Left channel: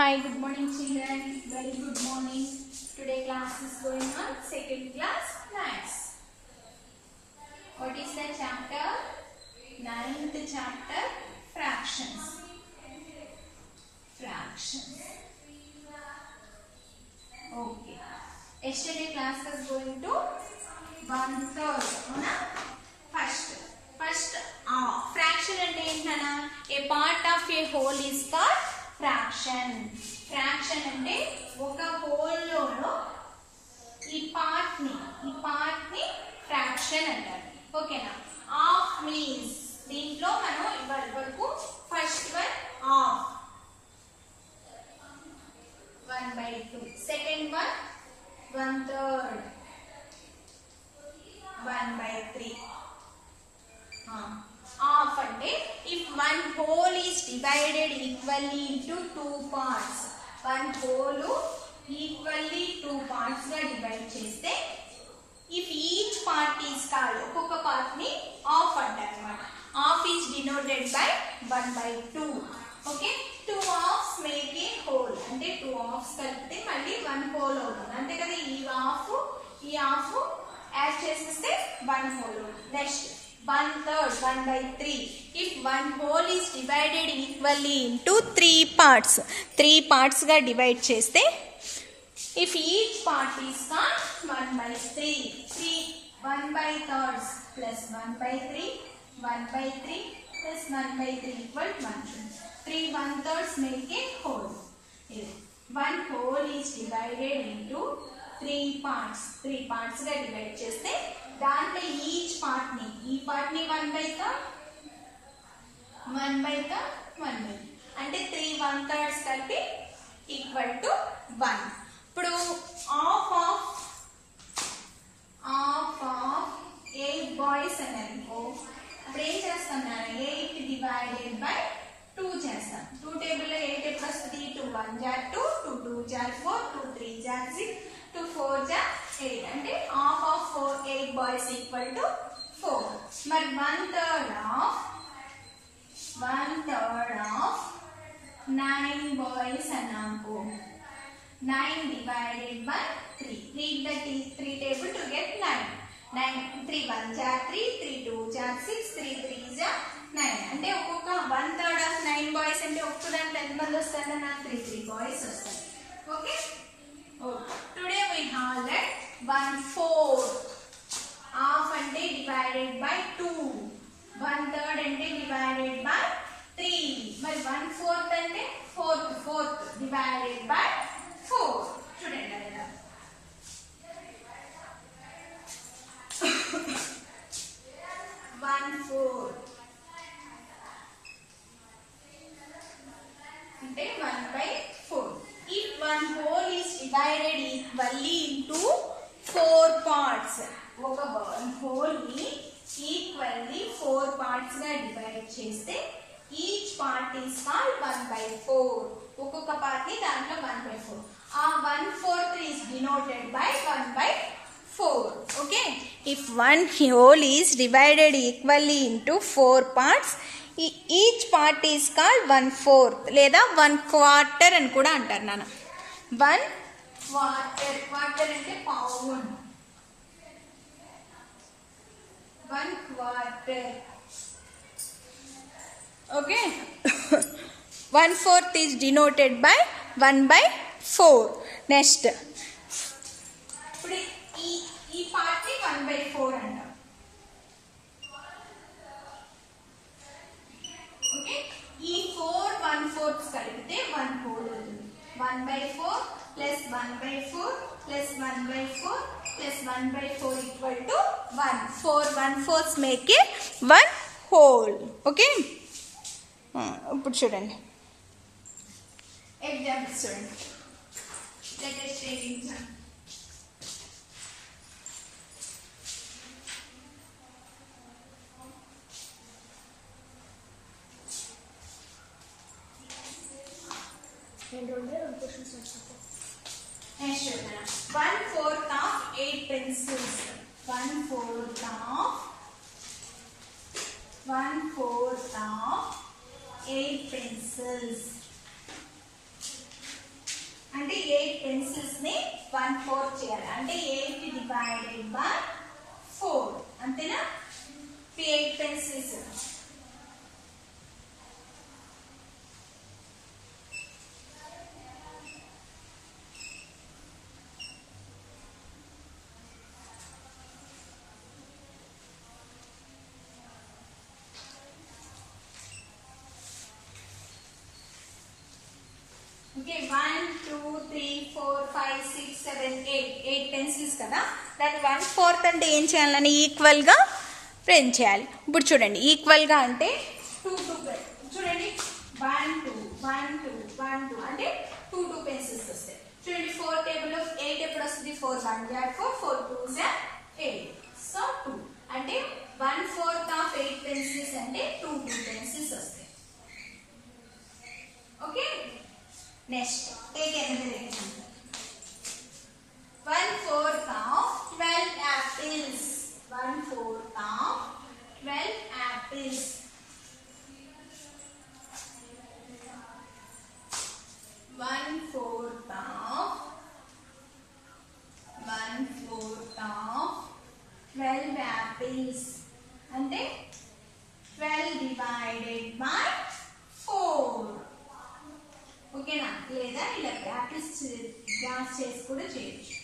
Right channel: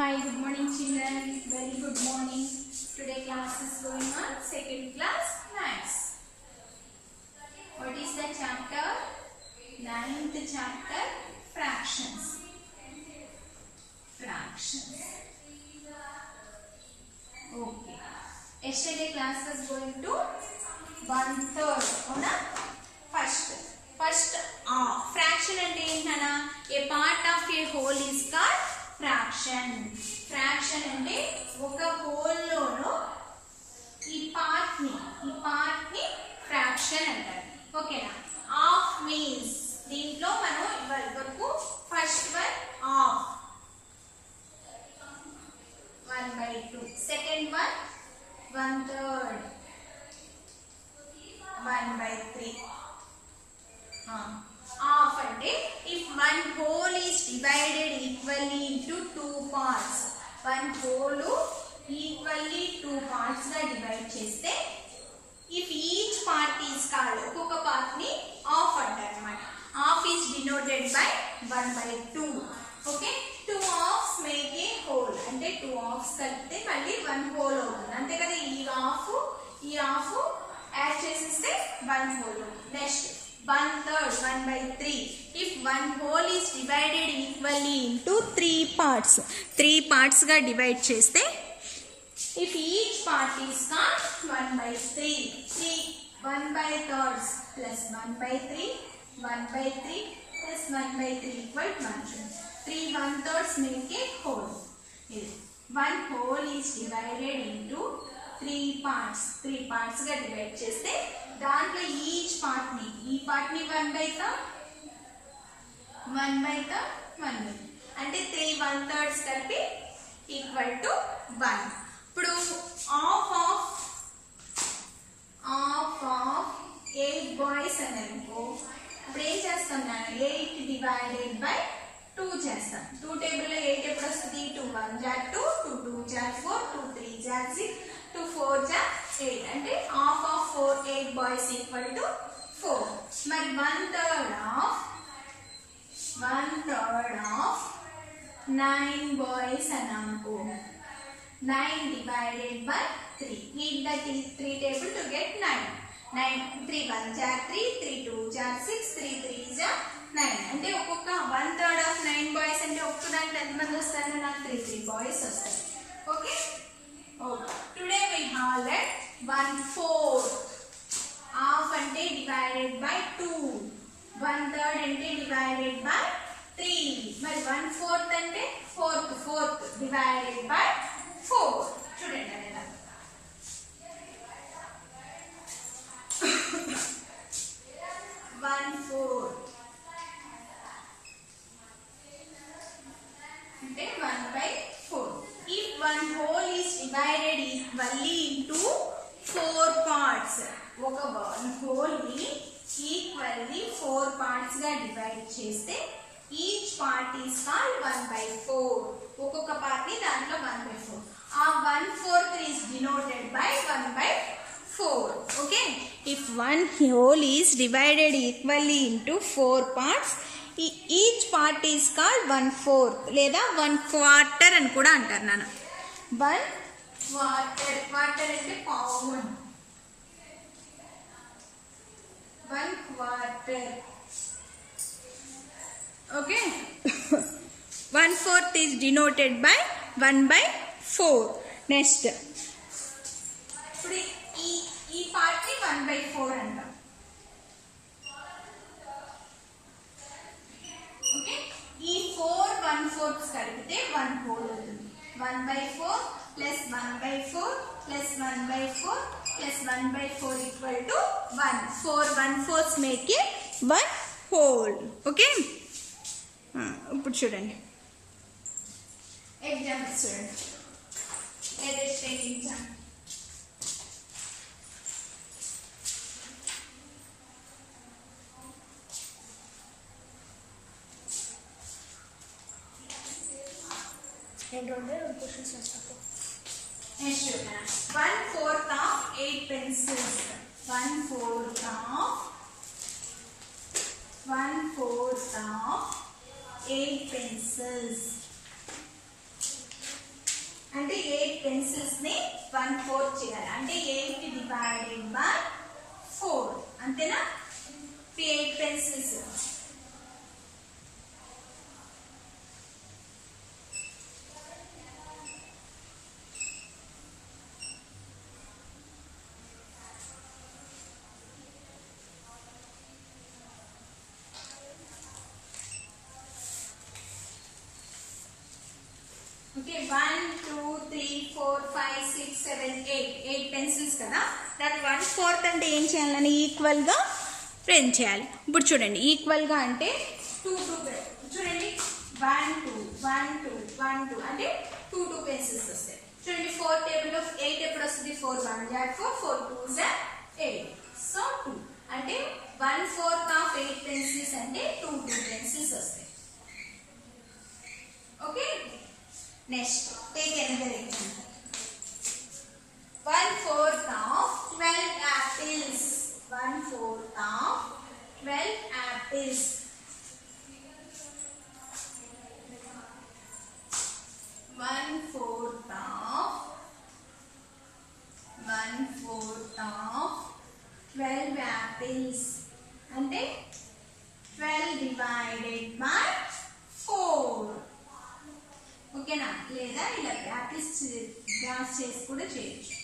Hi, good morning children. Very good morning. Today class is going on second class maths. What is the chapter? Ninth chapter, fractions. Fractions. Okay. Yesterday class was going to 1/3. Ona? First fraction ante entana? A part of a whole is called fraction. Fraction ante oka whole lono ee part ni fraction antaru. Okay na? Half means deentlo manu ivarku first one half 1/2, second one 1/3, 1/3. Half ante if one whole is divided equally into two parts, one whole equally two parts ga divide cheste, if each part is called oka part ni half antarannamata. Half is denoted by 1/2. Okay, two halves make a whole ante two halves kalpite malli one whole avutundi ante kada ee half add cheseste one whole. Next 1/3, 1/3. If one whole is divided equally into three parts ga divide cheste, if each part is called 1/3. See 1/3 plus 1/3, 1/3 plus 1/3 equal 1/3. 3 1/3 make a whole. One whole is divided into three parts ga divide cheste దాంట్లో each part ని 1/3 అంటే 3 1/3 కలిపి equal to 1. ఇప్పుడు half of 8 boys అని అనుకో, ఇప్పుడు ఏం చేస్తాం నేను 8 డివైడెడ్ బై 2 చేస్తాం. 2 టేబుల్లో 8 ఎప్పుడు వస్తుంది? 2 1 జా 2, 2 2 జా 4, 2 3 జా 6, 2 4 జా 8 అంటే half of 4 8 boys equal to 4. మరి 1/3 of 9 boys అనుకో, 9 divided by 3. Read the 3 table to get 9. 3 1 జా 3, 3 2 జా 6, 3 3 జా 9 అంటే ఒక్కొక్క 1/3 of 9 boys అంటే ఒక్క దాంట్లో ఎంతమంది వస్తారు? నాకు 3 boys వస్తారు. Okay. Today we have that 1/4. Half ante divided by 2, 1/3 ante divided by 3. మరి 1/4 ante fourth divided by 4. చూడండి అలా 1/4 అంటే 1/4. If one whole is divided equally into 4 parts, oka one whole ni equally 4 parts ga divide cheste, each part is called 1/4. Okoka part ni dantlo 1/4. 1/4 is denoted by 1/4. Okay, if one whole is divided equally into 4 parts, each part is called 1/4 లేదా 1/4 అని కూడా అంటారు నాన్న. 1/4 అంటే పావు. 1/4. Okay. 1/4 is denoted by 1/4. Next ఇప్పుడు ఈ part ని 1/4 అంటాం. ఓకే, ఈ 4 1/4 కలిపితే 1 whole అవుతుంది. 1/4 plus 1/4 plus 1/4 plus 1/4 equal to 1. 4 1/4 make it 1 whole. Okay. ఇప్పుడు చూడండి ఎగ్జాంపుల్ చూడండి. Latest example. Next 1/4 of 8 pencils. 1/4 of 8 pencils. Pencils ని 1/4 చేయాలి. అంటే 8 డివైడెడ్ బై 4 అంతేనా. 8 పెన్సిల్స్. ఓకే 1 2 3 4 5 6 7 8 పెన్సిల్స్ కదా. దాన్ని 1/4 అంటే ఏం చేయాలని ఈక్వల్ గా ప్రింట్ చేయాలి. ఇప్పుడు చూడండి ఈక్వల్ గా అంటే 2 చూడండి 1 2 1 2 1 2 అంటే 2 పెన్సిల్స్ వస్తాయి. చూడండి 4 టేబుల్ లో 8 ఎప్పుడు వస్తుంది. 4 1 4 4 2 8. సో 2 అంటే 1/4 ఆఫ్ 8 పెన్సిల్స్ అంటే 2 పెన్సిల్స్ వస్తాయి. Okay. Next, take another example. 1/4 of 12 apples. 1/4 of 12 apples. 1/4 of 12 apples. అంటే 12 divided by 4. ఓకేనా. లేదా ఇలా ప్రాక్టీస్ క్లాస్ చేసి కూడా చేయొచ్చు.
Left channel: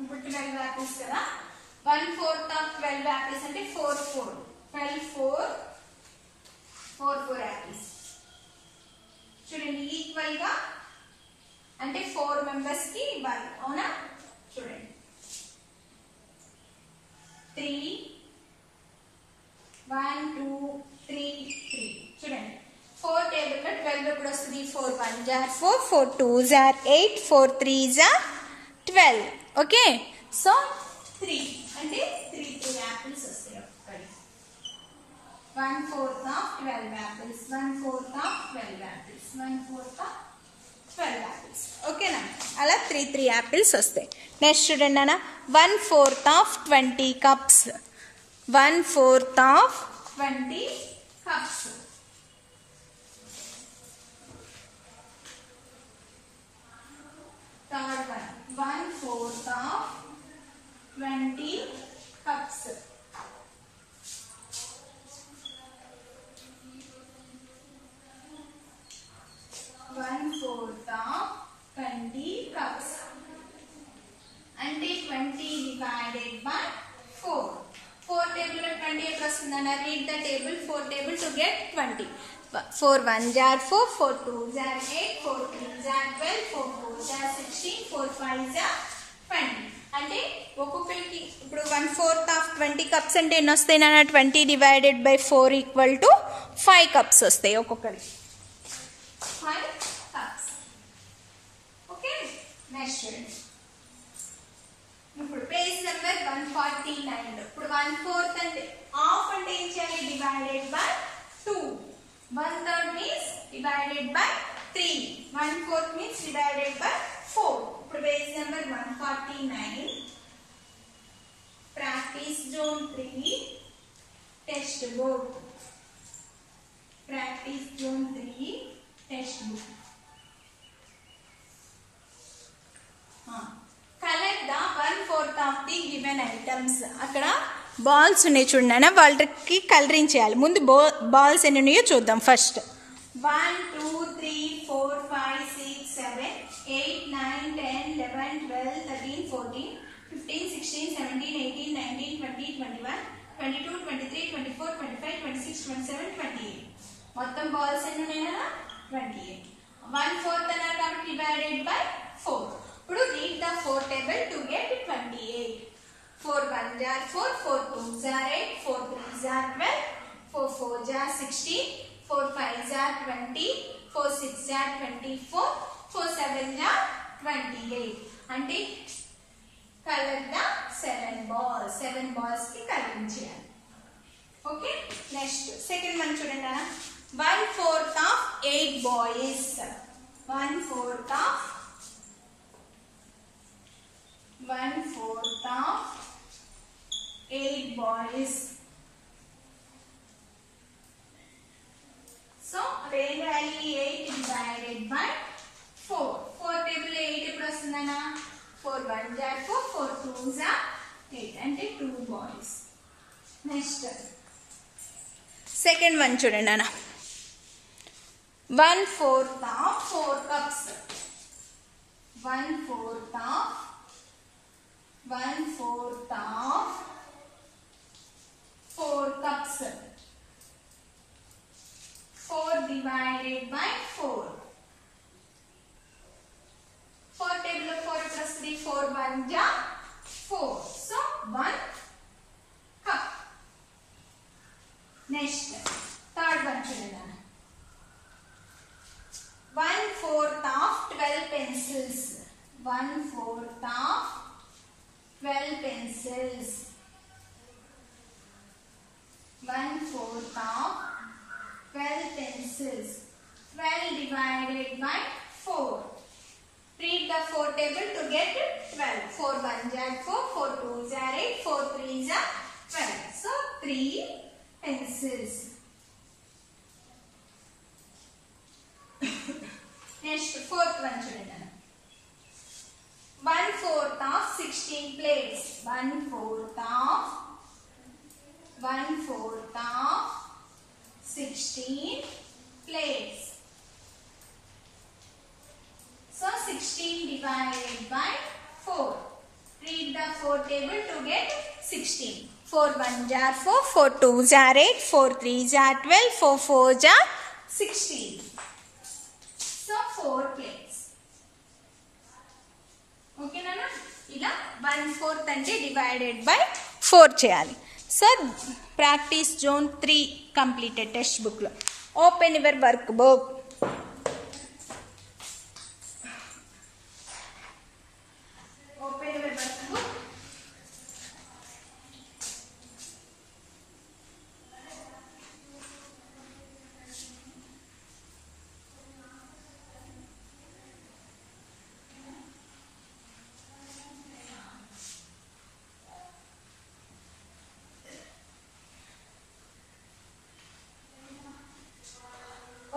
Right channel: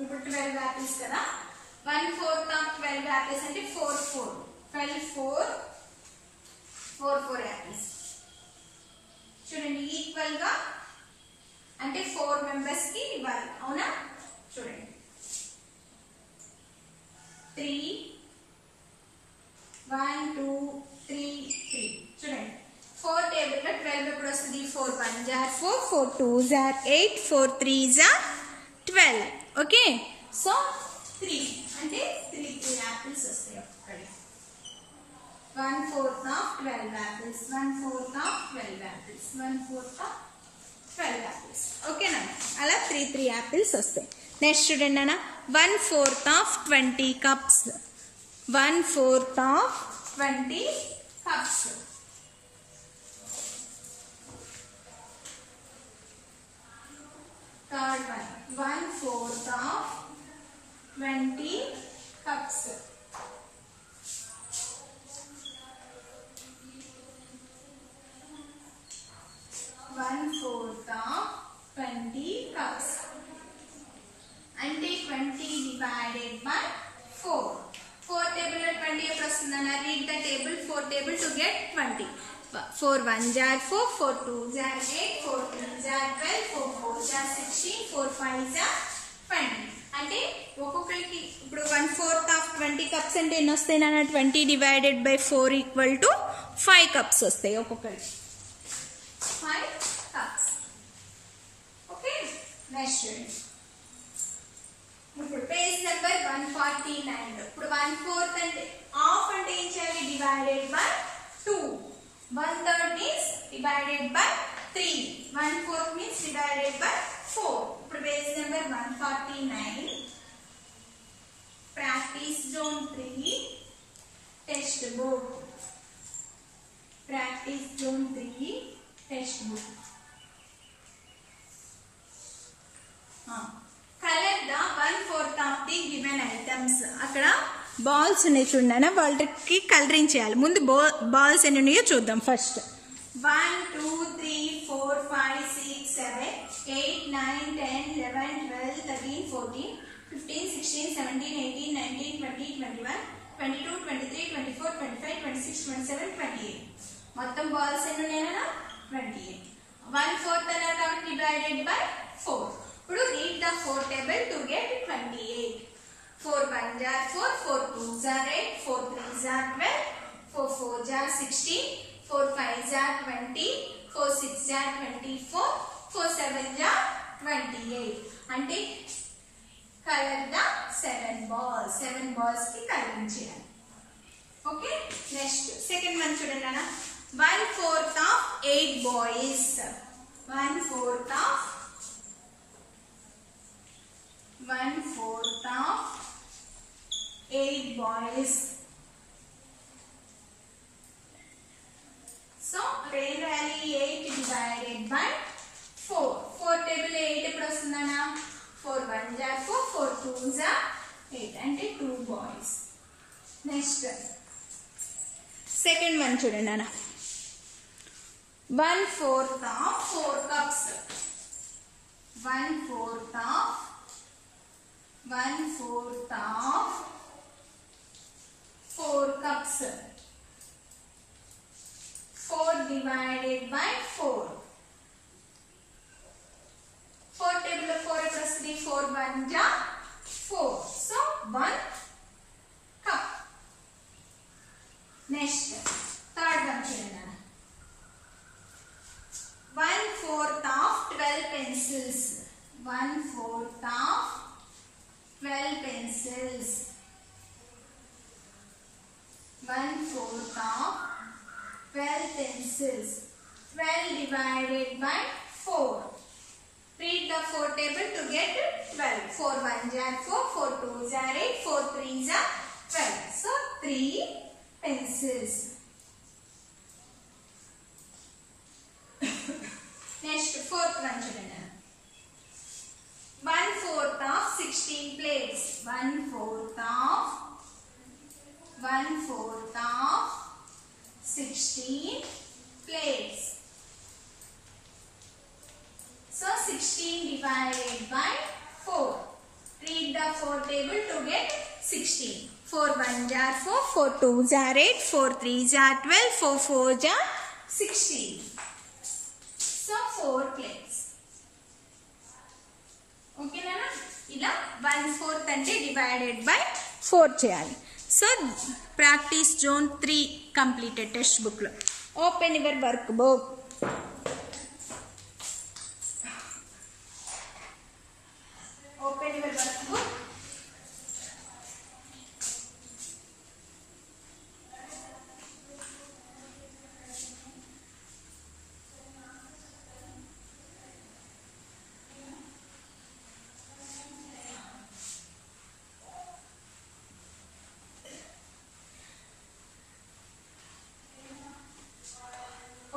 ఇప్పుడు 12 యాపిల్స్ కదా. 1/4 of 12 apples అంటే 4 4 12 4 యాపిల్స్. చూడండి ఈక్వల్ గా అంటే 4 మెంబర్స్ కి ఇవ్వాలి. అవునా. చూడండి 3 1 2 3 3. చూడండి 4 టేబుల్ లో 12 ఎప్పుడు వస్తుంది. 4 1 4 4 2 8 4 3 12. ఓకే. సో 3 అంటే 3 యాపిల్స్ వస్తాయి. 1/4 of 12 apples. 1/4 of 12 apples. 1/4 of 12 apples. ఓకేనా. అలా 3 యాపిల్స్ వస్తాయి. నెక్స్ట్ చూడండి అన్న 1/4 of 20 cups. 1/4 of 20 cups. Third one 1/4 of 20 cups. 1/4 of 20 cups. అంటే 20 divided by 4. 4 table లో 20 ఎప్పుడు వస్తుందన్న. read the table 4 table to get 20. 4 1 4 4 2 8 4 3 12 4 4 16 4 5 20. అంటే ఒక్కొక్కరికి ఇప్పుడు 1/4 of 20 cups అంటే ఎన్ని వస్తాయి నాన్న. 20 divided by 4 equal to 5 cups వస్తాయి ఒక్కొక్కరికి. 5 cups. ఓకే. నెక్స్ట్ చూడండి ఇప్పుడు పేజ్ నెంబర్ 149. ఇప్పుడు 1/4 అంటే హాఫ్ అంటే ఏం చేయాలి. Divided by 2. 1/3 means divided by 3. 1/4 means divided by 4. ఇప్పుడు page number 149. Practice zone 3 text book. Practice zone 3 text book. Colour the 1/4 of the given items. అక్కడ బాల్స్ ఉన్నాయి చూడండి. వాళ్ళకి కలరింగ్ చేయాలి. ముందు బాల్స్ ఎన్ని ఉన్నాయో చూద్దాం. ఫస్ట్ 1 2 3 4 5 6 7 8 9 10 11 12 13 14 15 16 17 18 19 20 21 22 23 24 25 26 27 28. మొత్తం బాల్స్ ఎన్ని ఉన్నాయన్నా 28. 1/4 అన్నారు కాబట్టి డివైడెడ్ బై 4. ఇప్పుడు read the 4 table to get 28. 4 1 4 4 2 8 4 3 12 4 4 16 4 5 20 4 6 24 4 7 28. అంటే కలర్ ద 7 balls. 7 balls కి కలరింగ్ చేయాలి. ఓకే. నెక్స్ట్ సెకండ్ వన్ చూడండి అన్న 1/4 of 8 boys 1/4 of 8 boys. So rain rally 8 divided by 4. 4 table 8 ఎప్పుడు వస్తుందన్నా 4 1 are 4 4 2s are 8 అంటే 2 boys. నెక్స్ట్ సెకండ్ వన్ చూడండి అన్న 1/4 of 4 cups 1/4 of 4 cups 4 divided by 4 4 table of 4 plus 3 4 1 ja 4 so 1 cup. Next third one children 1/4 of 12 pencils 1/4 of 12 pencils 1/4 of 12 pencils 12 divided by 4. Read the 4 table to get 12. 4 1s are 4 4 2s are 8 4 3s are 12. So 3 pencils. Next fourth one children 1/4 of 16 plates 1/4 of 16 plates. So 16 divided by 4. Read the 4 table to get 16. 4 1s are 4 4 2s are 8 4 3s are 12 4 4s are 16. So 4 plates. Okay nana ila 1/4 ante divided by 4 cheyali. So practice zone 3 completed test book lo. Open your workbook. Open your workbook.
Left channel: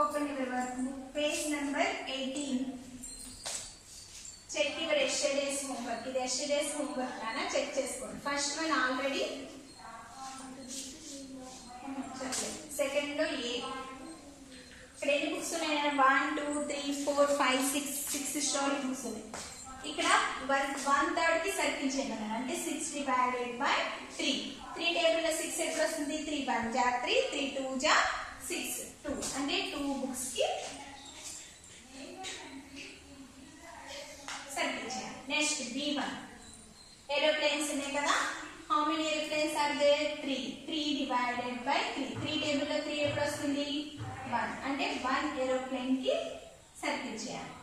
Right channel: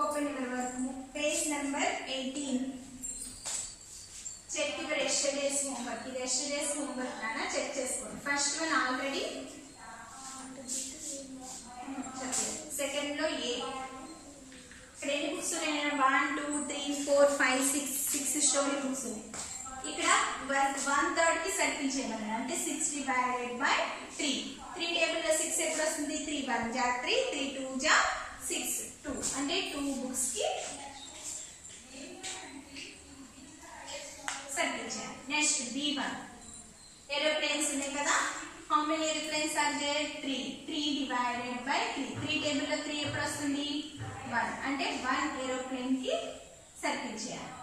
Open your workbook. Page number 18. Check your yesterday's homework. This yesterday's homework nana check cheskondi. First one already. Second lo A. ఇక్కడ ఎన్ని books ఉన్నాయి 1 2 3 4 5 6 story books ఉన్నాయి. ఇక్కడ 1/3 కి circle చేయమన్నారు అంటే 6 divided by 3. 3 table లో 6 ఎప్పుడు వస్తుంది 3 1 ja 3 3 2 ja 6 2 అంటే 2 బుక్స్ కి సర్కిల్ చేయాలి. నెక్స్ట్ B1 ఏరోప్లేన్స్ ఉన్నాయి కదా. How many aeroplanes are there 3 3 divided by 3. 3 table లో 3 ఎప్పుడు వస్తుంది 1 అంటే 1 ఏరోప్లేన్ కి సర్కిల్ చేయాలి.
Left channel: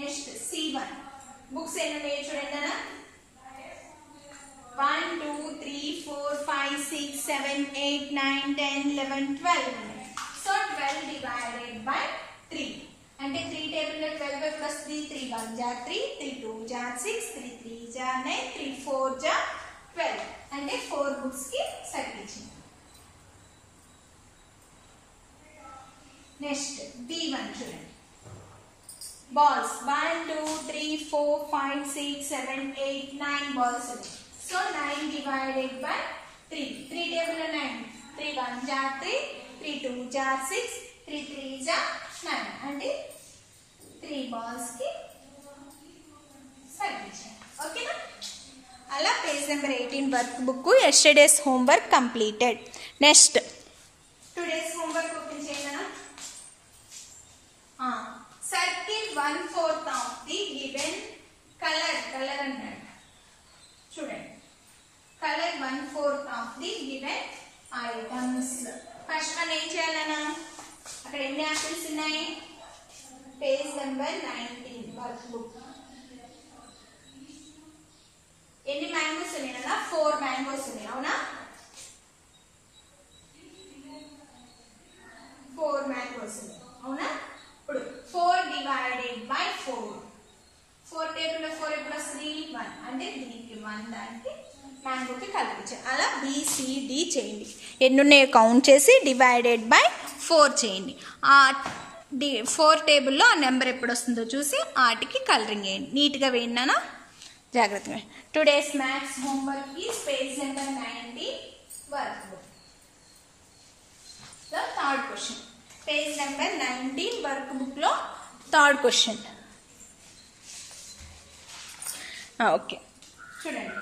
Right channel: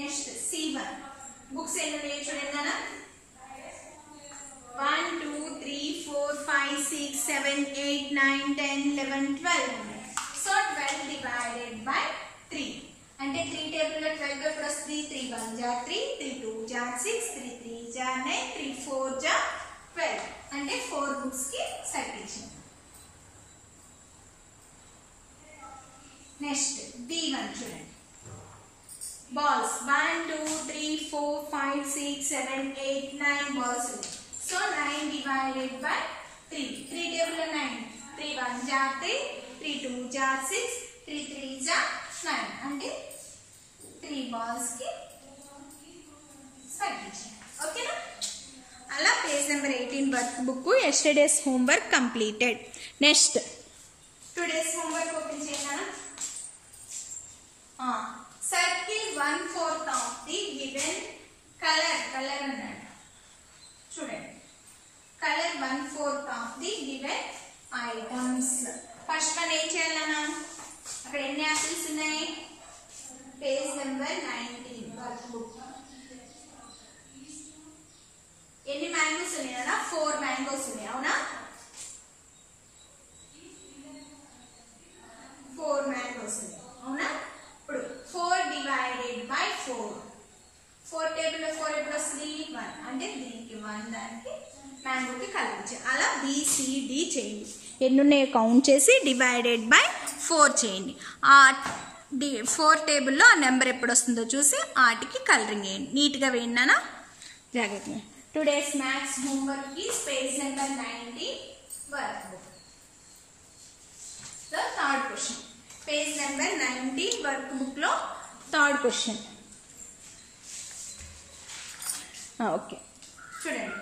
నెక్స్ట్ C1 బుక్స్ ఎన్ని ఉన్నాయి చూడండి అన్న 1 2 3 4 5 6 7 8 9 10 11 12 ఉన్నాయి. సో 12 divided by 3 అంటే 3 టేబుల్ లో 12 ఎప్పుడు వస్తుంది 3 1 ja 3 3 2 ja 6 3 3 ja 9 3 4 ja 12 అంటే 4 బుక్స్ కి సర్కిల్ చేయాలి. నెక్స్ట్ B1 చూడండి balls 1 2 3 4 5 6 7 8 9 balls ఉన్నాయి. So 9 divided by 3. 3 table 9. 3 1 ja 3 3 2 ja 6 3 3 ja 9 అంటే 3 balls కి సర్కిల్ చేయాలి. ఓకేనా అలా page number 18 work book yesterday's homework completed. Next today's homework open చేయనా. Circle 1/4 of the given color అన్నాడు చూడండి. Colour 1/4 of the given items. First one ఏం చేయాలన్నా అక్కడ ఎన్ని యాపిల్స్ ఉన్నాయి పేజ్ నెంబర్ 19 వర్క్ బుక్. అంటే 3కి 1 దానికి మ్యాంగోకి కలిపించాలి. అలా BCD చేయండి. ఎన్ని ఉన్నాయో కౌంట్ చేసి డివైడెడ్ బై 4 చేయండి. ఆ 4 టేబుల్లో ఆ నెంబర్ ఎప్పుడు వస్తుందో చూసి ఆటికి కలరింగ్ వేయండి. నీట్గా వేయండి జాగ్రత్తగా. Today's maths homework is page number 90 work book. The third question, page number 90 work బుక్లో థర్డ్ క్వశ్చన్. ఓకే చూడండి.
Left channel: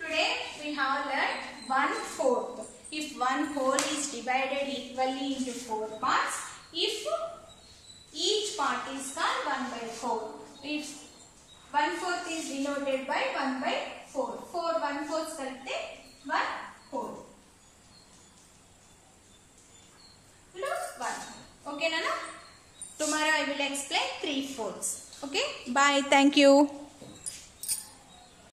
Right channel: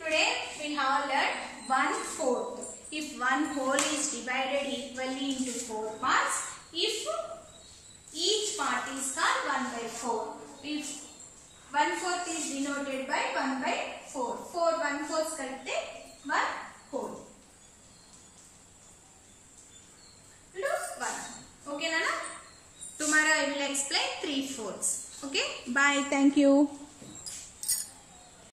Today we have learned 1/4. If one whole is divided equally into 4 parts, if each part is called 1/4. If 1/4 is denoted by 1/4. 4 1/4 కలిపితే 1 whole. Plus 1. Okay, Nana? Tomorrow I will explain 3/4. Okay? Bye. Thank you.